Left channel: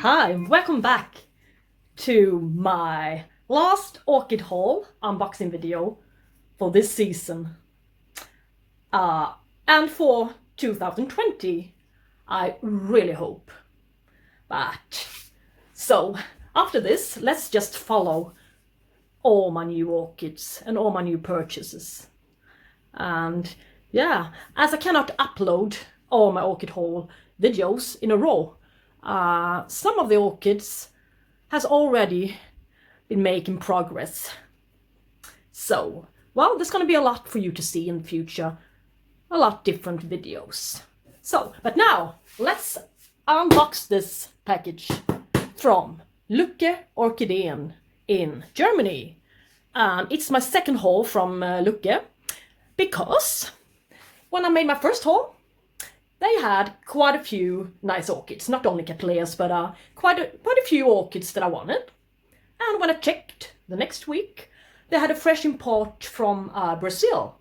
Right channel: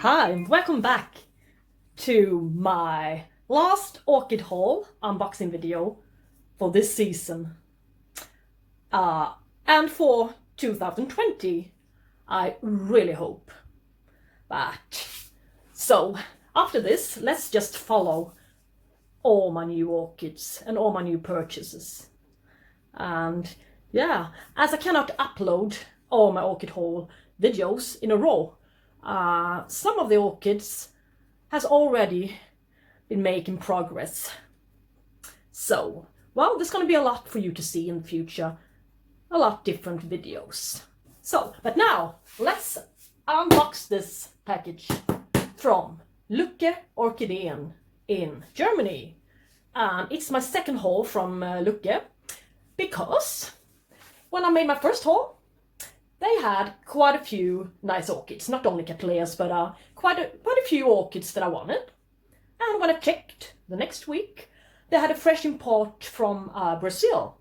Hi, and welcome back to my last orchid haul unboxing video for this season. And for 2020, I really hope. But, so, after this, let's just follow all my new orchids and all my new purchases. And yeah, as I cannot upload all my orchid haul videos in a row, some of the orchids has already been making progress. So, well, there's going to be a lot for you to see in the future. A lot different videos. So, but now, let's unbox this package from Lucke Orchideen in Germany. And it's my second haul from Lucke, because when I made my first haul, they had quite a few nice orchids, not only cattleyas, but quite a few orchids that I wanted. And when I checked the next week, they had a fresh import from Brazil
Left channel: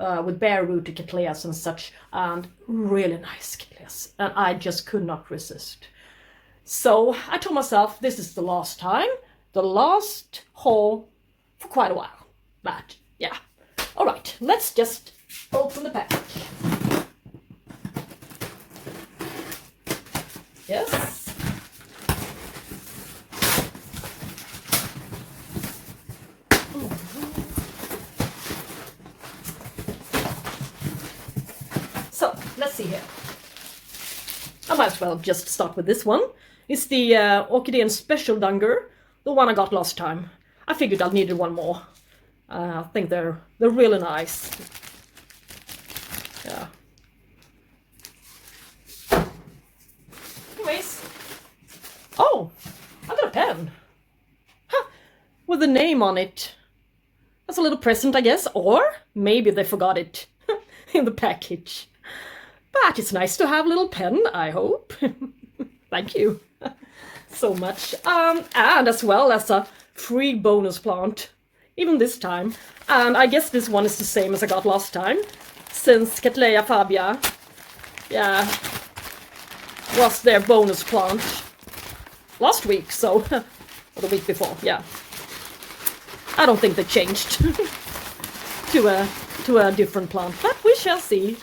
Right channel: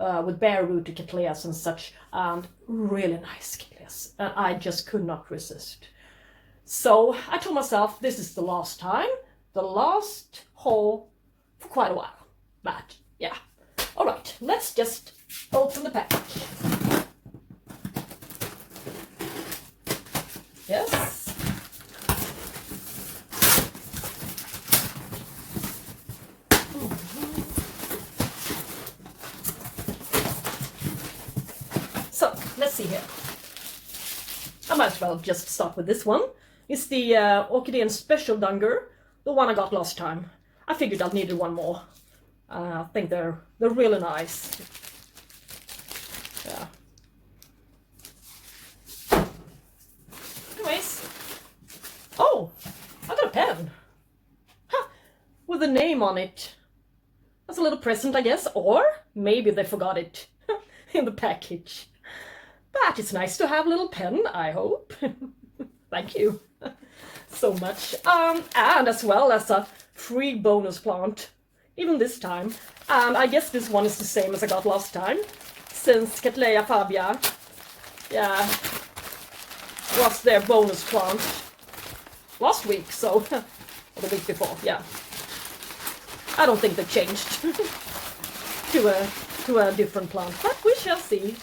with bare-rooted cattleyas and such, and really nice cattleyas. And I just could not resist. So I told myself, this is the last time, the last haul for quite a while. But yeah, all right, let's just open the package. Yes. So, let's see here. I might as well just start with this one. It's the Orchideen Special Dunger, the one I got last time. I figured I needed one more. I think they're really nice. Yeah. Oh, I got a pen. Huh, with a name on it. That's a little present, I guess. Or maybe they forgot it in the package. But it's nice to have a little pen, I hope. Thank you so much. And as well as a free bonus plant, even this time. And I guess this one is the same as I got last time, since Cattleya Pao, yeah, was their bonus plant last week, so, or the week before, yeah. I don't think they changed to a different plant, but we shall see.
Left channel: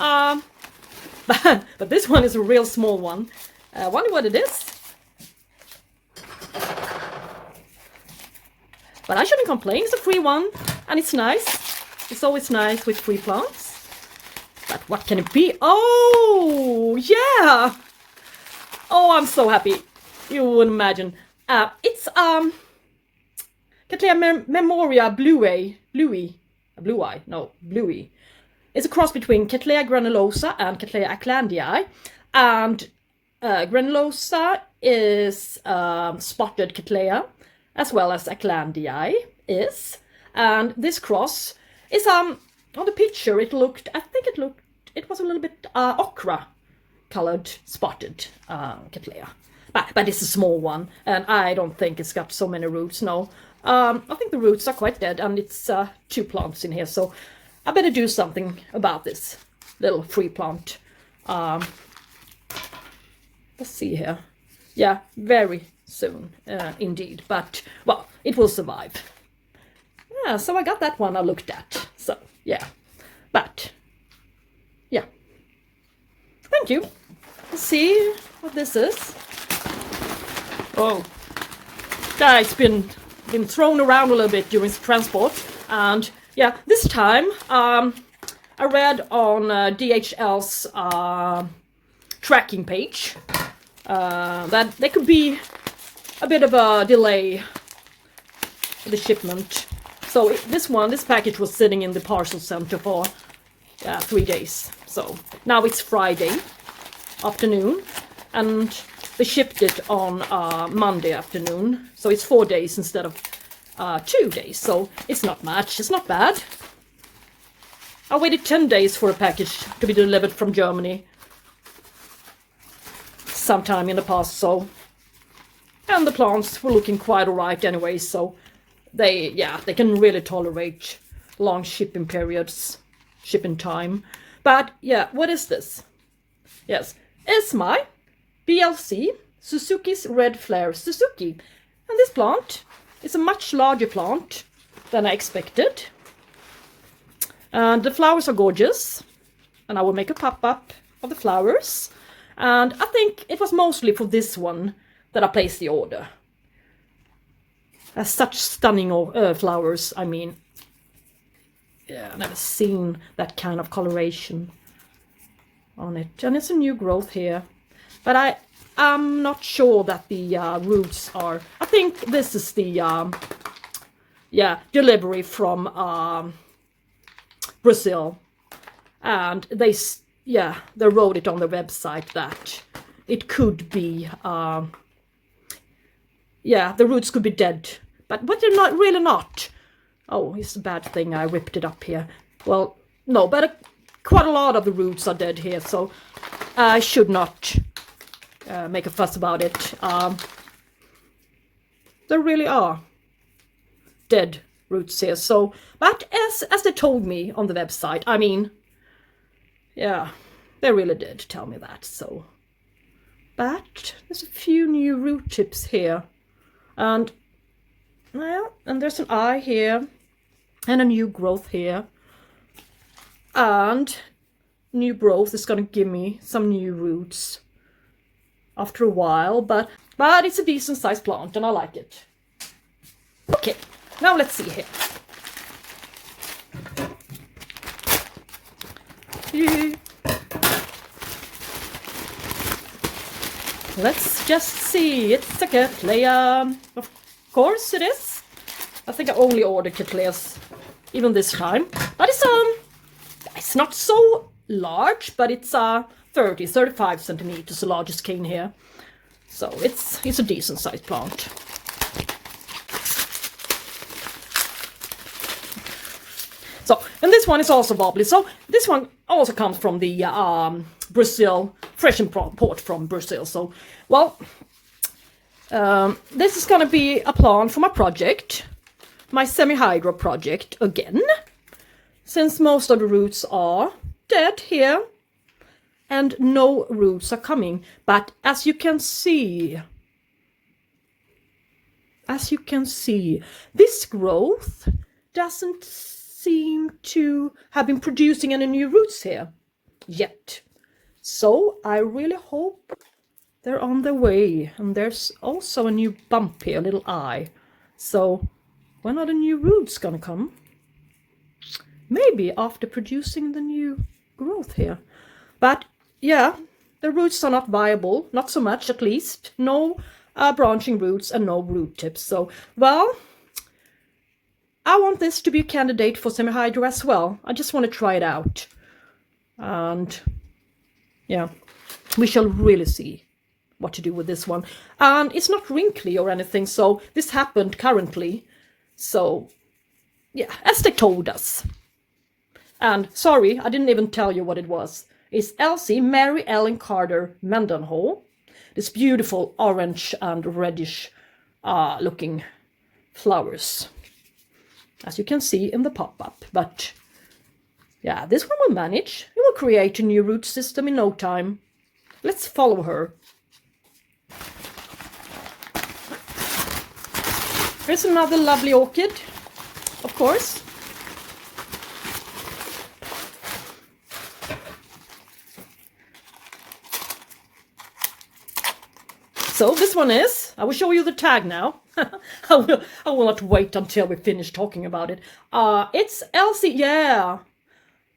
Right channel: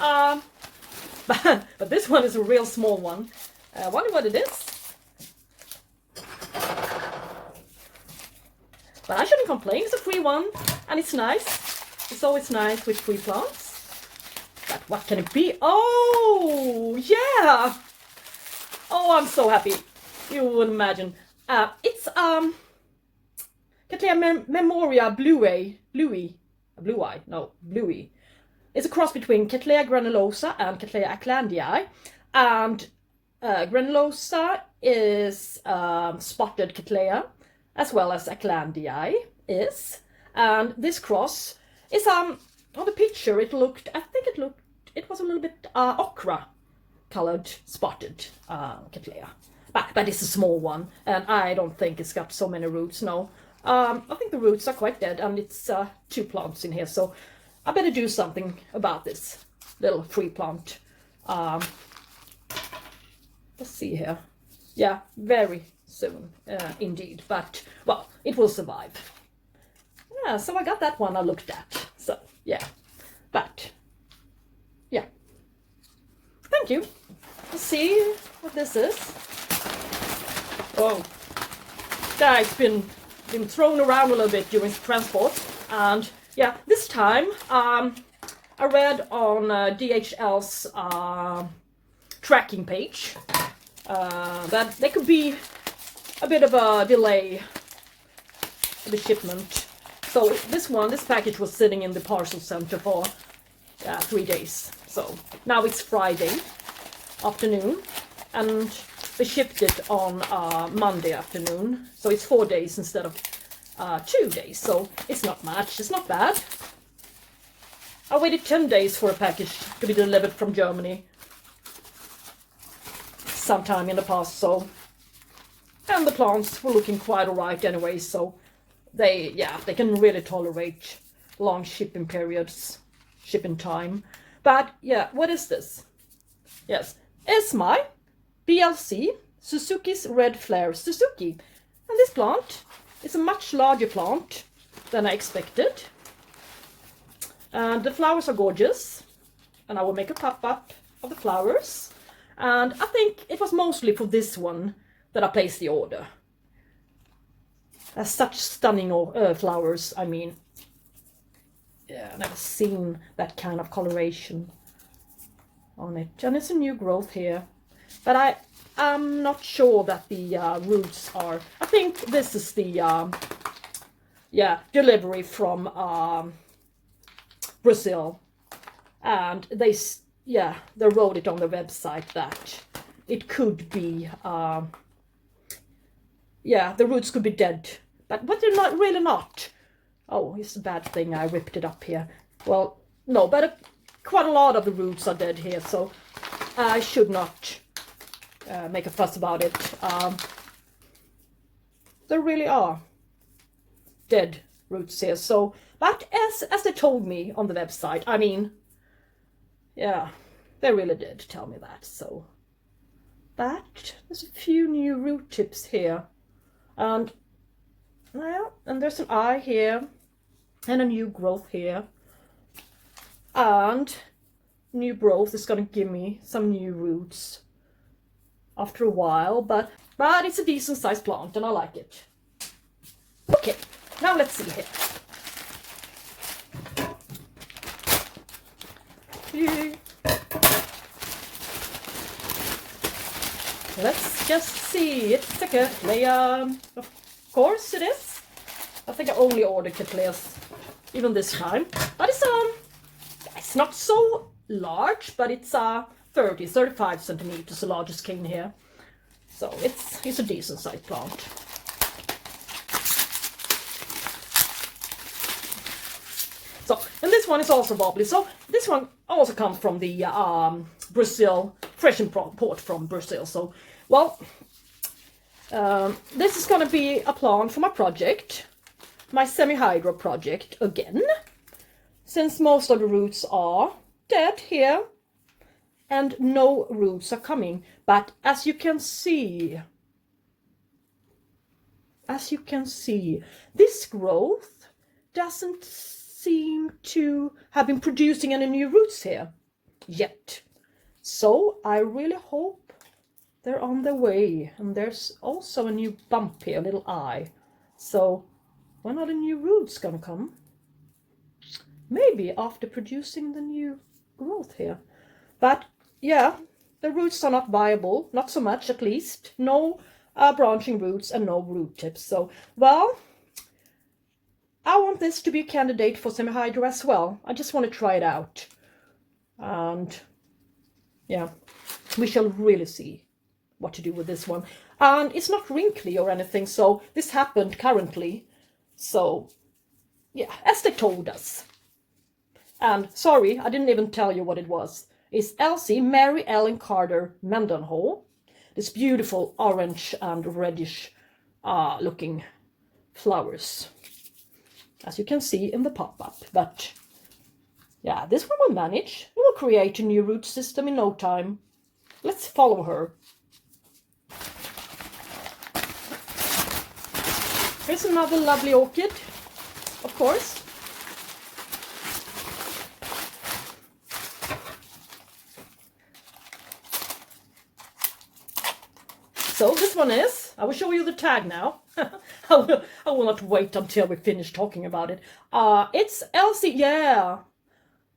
But this one is a real small one. I wonder what it is. But I shouldn't complain, it's a free one, and it's nice. It's always nice with free plants. But what can it be? Oh, yeah! Oh, I'm so happy. You wouldn't imagine. It's Cattleya MEMORIABLEUI. Bluei. It's a cross between Cattleya granulosa and Cattleya Acucar. And granulosa is spotted Cattleya, as well as Acucar is. And this cross is on the picture it was a little bit ochre colored spotted Cattleya. But it's a small one, and I don't think it's got so many roots, no. I think the roots are quite dead, and it's 2 plants in here, so I better do something about this little free plant. Let's see here. Yeah, very soon, indeed. But, well, it will survive. Yeah, so I got that one I looked at. So, yeah. But, yeah. Thank you. Let's see what this is. Oh, it's been thrown around a little bit during transport, and yeah, this time I read on DHL's tracking page that there could be a bit of a delay in the shipment. So this package was sitting in the parcel center for 3 days. So now it's Friday afternoon, and they shipped it on Monday afternoon, so it's 4 days instead of 2 days, so it's not much, it's not bad. I waited 10 days for a package to be delivered from Germany sometime in the past, so, and the plants were looking quite alright anyway, so they can really tolerate long shipping periods, shipping time. But yeah, what is this? Yes, it's my BLCSUZUKI'SRED Suzuki's red flare Suzuki. And this plant is a much larger plant than I expected. And the flowers are gorgeous. And I will make a pop-up of the flowers. And I think it was mostly for this one that I placed the order. Such stunning flowers, I mean. Yeah, I've never seen that kind of coloration on it. And it's a new growth here. But I'm not sure that the roots are... I think this is the delivery from Brazil. And they wrote it on their website that it could be... the roots could be dead. But they're not really not. Oh, it's a bad thing I ripped it up here. Well, no, but quite a lot of the roots are dead here, so I should not make a fuss about it. There really are dead roots here. So, but as they told me on the website, I mean, yeah, they really did tell me that. So, but there's a few new root tips here, and well, and there's an eye here, and a new growth here, and new growth is going to give me some new roots after a while, but it's a decent sized plant and I like it. Okay, now let's see here. Let's just see. It's a Cattleya. Of course it is. I think I only ordered Cattleyas even this time. But it's not so large, but it's 35 centimeters, the largest cane here. So it's a decent sized plant. So, and this one is also wobbly. So this one also comes from the Brazil, fresh import from Brazil. So, well, this is going to be a plant for my project, my semi-hydro project again, since most of the roots are dead here and no roots are coming. But as you can see, this growth doesn't seem to have been producing any new roots here yet. So I really hope they're on their way. And there's also a new bump here, a little eye. So when are the new roots gonna come? Maybe after producing the new growth here. But yeah, the roots are not viable, not so much at least. No branching roots and no root tips. So, well, I want this to be a candidate for semi-hydro as well. I just want to try it out. And yeah, we shall really see what to do with this one. And it's not wrinkly or anything, so this happened currently. So yeah, as they told us. And sorry, I didn't even tell you what it was. It's Elsie Mary Ellen Carter Mendenhall. This beautiful orange and reddish looking flowers, as you can see in the pop-up. But yeah, this one will manage. It will create a new root system in no time. Let's follow her. Here's another lovely orchid, of course. So this one is, I will show you the tag now. I will not wait until we finish talking about it. It's Elsie, yeah,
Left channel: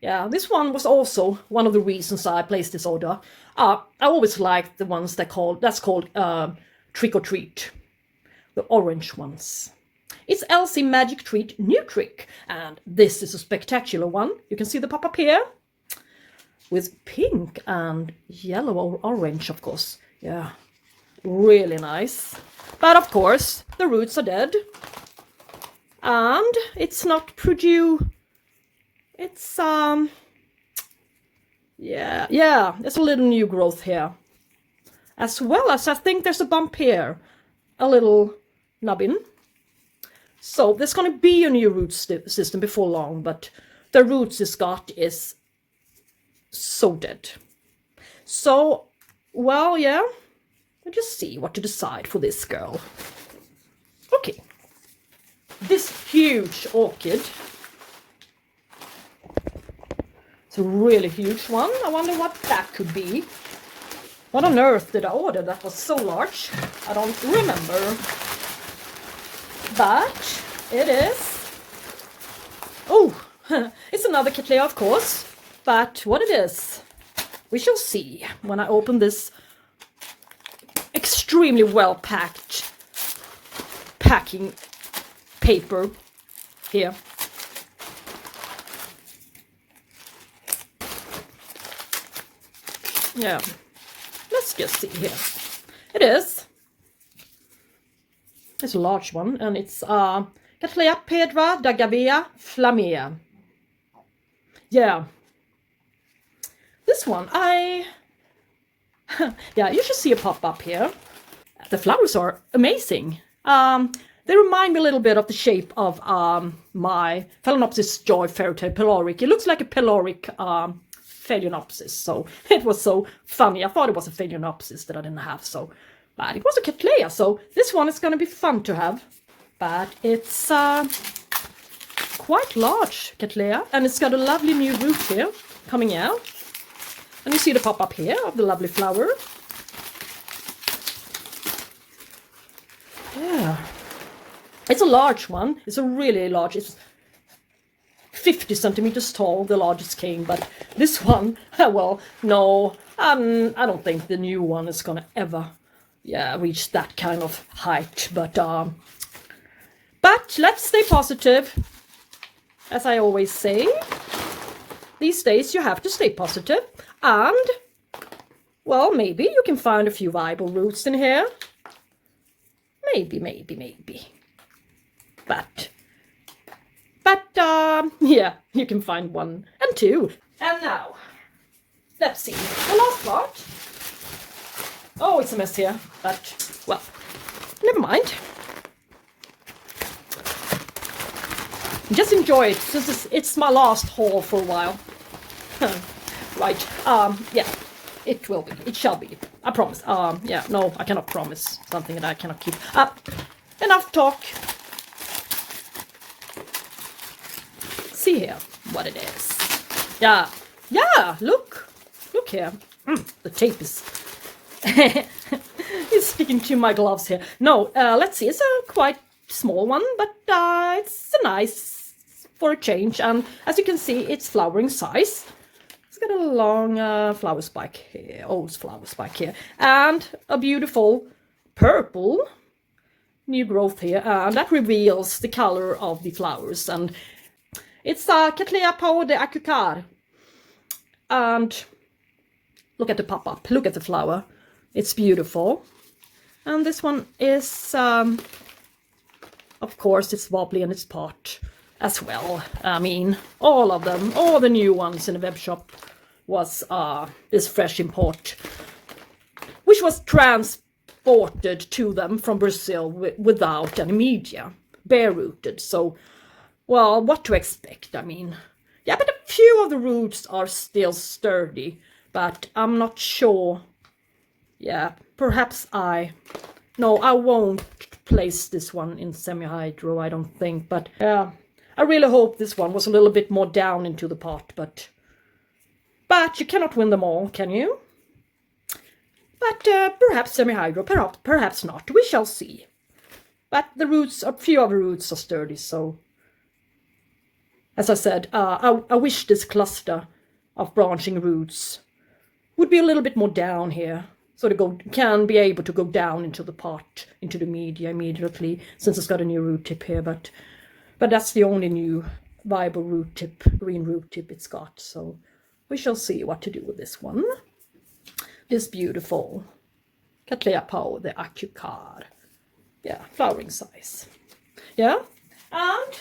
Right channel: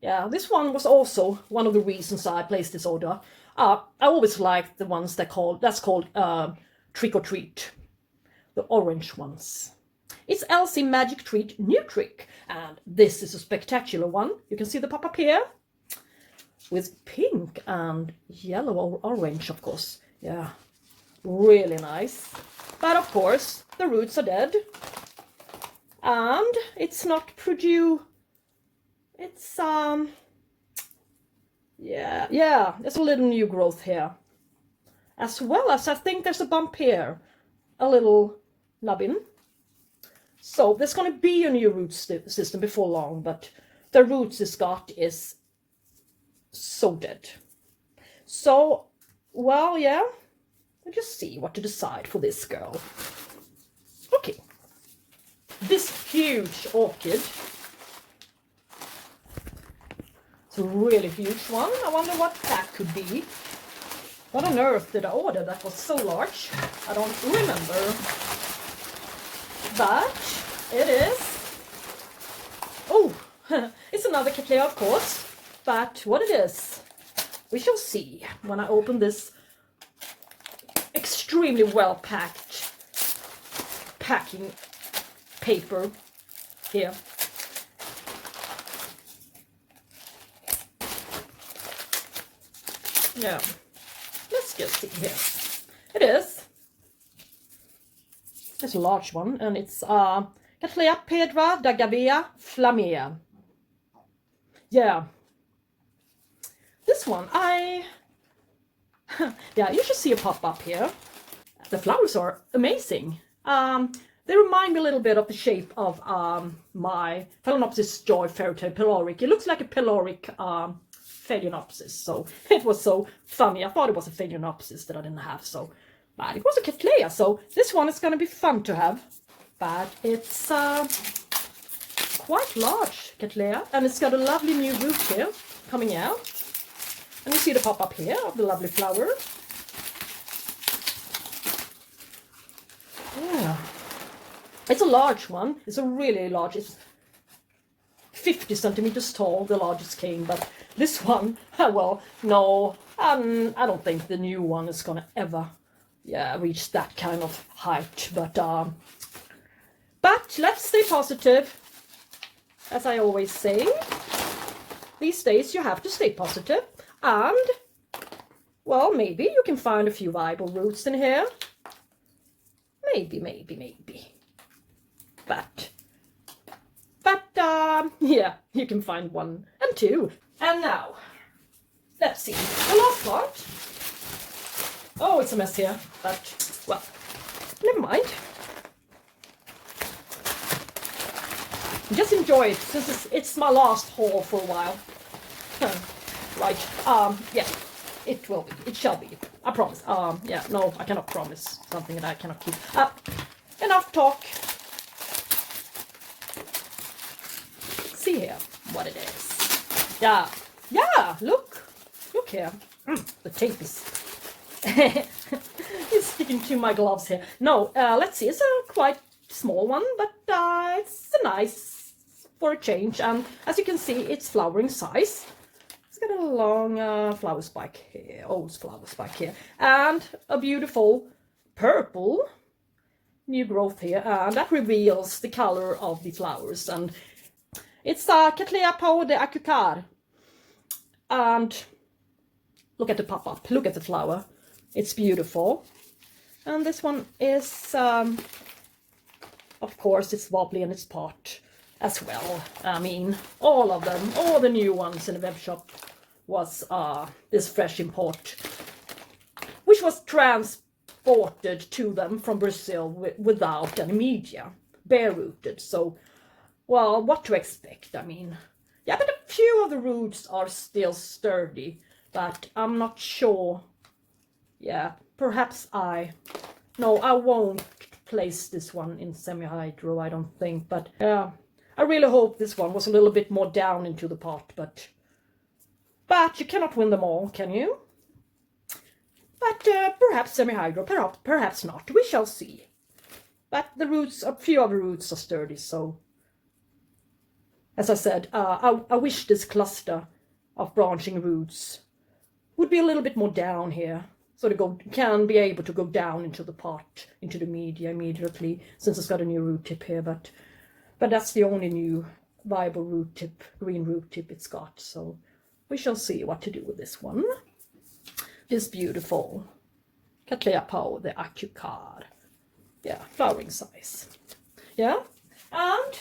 this one was also one of the reasons I placed this order. I always like the ones that's called Trick or Treat, the orange ones. It's Elsie Magic Treat New Trick, and this is a spectacular one. You can see the pop-up here with pink and yellow or orange, of course. Yeah, really nice. But of course, the roots are dead, and it's not it's there's a little new growth here, as well as I think there's a bump here, a little nubbin. So there's going to be a new root system before long, but the roots it's got is so dead. So, well, yeah, Let's just see what to decide for this girl. Okay. This huge orchid. It's a really huge one. I wonder what that could be. What on earth did I order that was so large? I don't remember. But it is. Oh, it's another Cattleya, of course. But what it is, we shall see when I open this extremely well packed packing paper here. Yeah, let's just see here. It is. It's a large one, and it's Cattleya Pedra de Gavea Flamea. Yeah. This one, yeah, you should see a pop up here. The flowers are amazing. They remind me a little bit of the shape of my Phalaenopsis joy fairytale pyloric. It looks like a pyloric Phalaenopsis, so it was so funny. I thought it was a Phalaenopsis that I didn't have, so but it was a Cattleya, so this one is going to be fun to have. But it's quite large Cattleya, and it's got a lovely new root here coming out. And you see the pop up here of the lovely flower. Yeah, it's a large one. It's a really large. It's 50 centimeters tall, the largest cane. But this one, well, no, I don't think the new one is gonna ever, yeah, reach that kind of height. But let's stay positive, as I always say. These days you have to stay positive, and well, maybe you can find a few viable roots in here. Maybe. But yeah, you can find one and two. And now, let's see, the last part. Oh, it's a mess here, but, well, never mind. Just enjoy it, since it's my last haul for a while. Right, yeah, it will be, it shall be, I promise. Yeah, no, I cannot promise something that I cannot keep. Enough talk. See here what it is. Yeah, look here. The tape is is sticking to my gloves here. No, let's see, it's a quite small one, but it's a nice for a change. And as you can see, it's flowering size. It's got a long flower spike here, old flower spike here, and a beautiful purple new growth here, and that reveals the color of the flowers. And it's Cattleya Pao de Acucar. And look at the pop-up, look at the flower. It's beautiful. And this one is, of course, it's wobbly in its pot as well. I mean, all of them, all the new ones in the web shop was this fresh import, which was transported to them from Brazil without any media, bare-rooted. So, well, what to expect? I mean, yeah, but a few of the roots are still sturdy, but I'm not sure. Yeah, perhaps no, I won't place this one in semi-hydro, I don't think. But yeah, I really hope this one was a little bit more down into the pot. But you cannot win them all, can you? But perhaps semi-hydro, perhaps not. We shall see. But the roots, a few of the roots are sturdy, so as I said, I wish this cluster of branching roots would be a little bit more down here, so they can be able to go down into the pot, into the media immediately, since it's got a new root tip here. But that's the only new viable root tip, green root tip it's got. So we shall see what to do with this one. This beautiful Cattleya Pao de Acucar. Yeah, flowering size. Yeah, and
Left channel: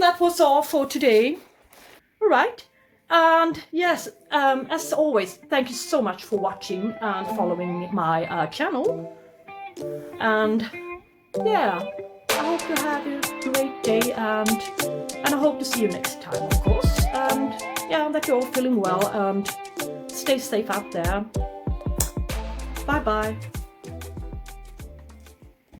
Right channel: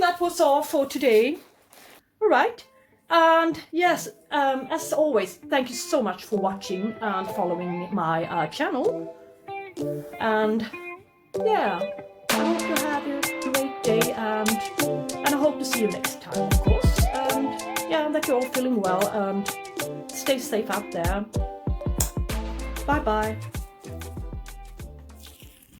that was all for today. All right. And yes, as always, thank you so much for watching and following my channel. And yeah, I hope you have a great day, and I hope to see you next time, of course. And yeah, that you're all feeling well, and stay safe out there. Bye bye.